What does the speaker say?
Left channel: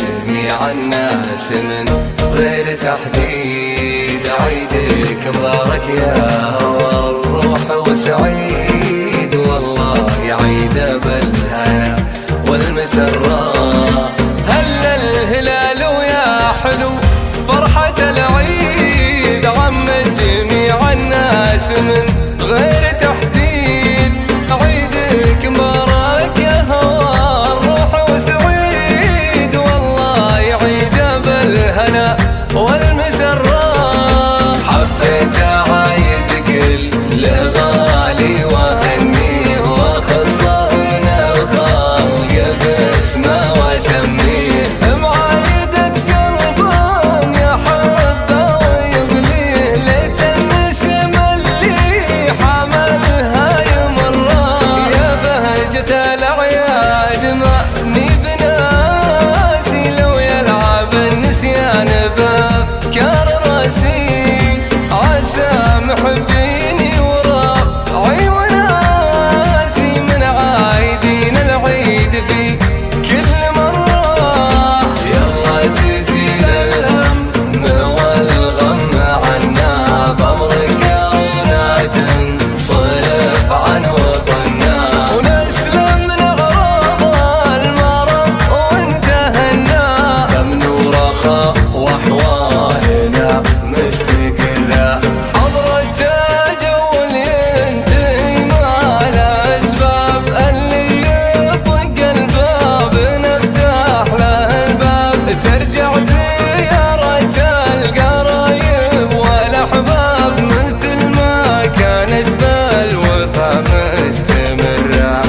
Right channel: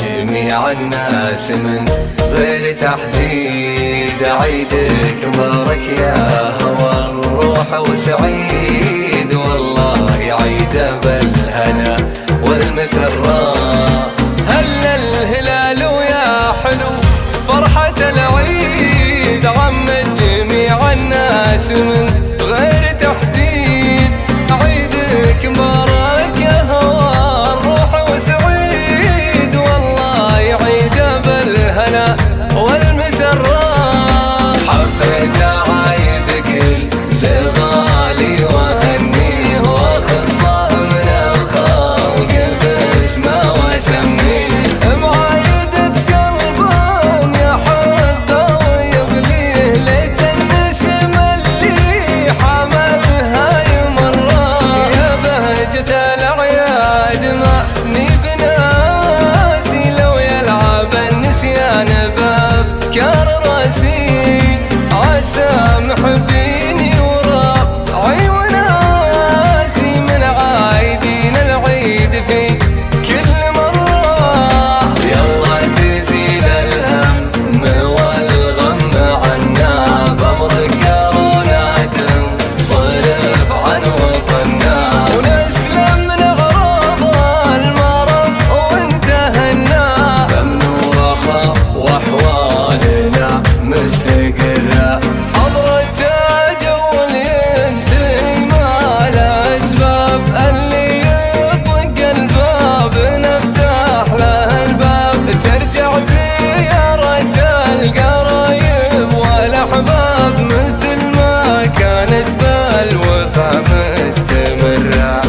جميع الناس من غير تحديد. عيدك مبارك يا هوى الروح وسعيد، والله عيد بالهنا والمسرة. هلا الهلال ويا حلو فرحة العيد، عمت جميع الناس من غير تحديد. عيدك مبارك يا هوى الروح وسعيد، والله عيد بالهنا والمسرة. حبيت أعايد كل غالي وهنيه، واخصه من الخلق باسمه واسميه. معايدة قلب يحبه ويغليه، ليت النسم اللي حملها يمره. يا بهجة الأعياد ماني بناسي، لو يلعب النسيان بأفكار راسي. عسى محبيني وربعي وناسي، من عايدين العيد في كل مرة. يلا تزيل الهم والغم عنا، بأمرك ولا تنصرف عن وطننا، ونسلم من أغراض المرض وانتهنا. أمن ورخاء وأحوالنا مستقرة، حضرة جو ينتهي ما له أسباب. اللي يطق الباب نفتح له الباب، ترجع زيارة القرايب والأحباب، مثل ما كانت بالوفا مستمرة.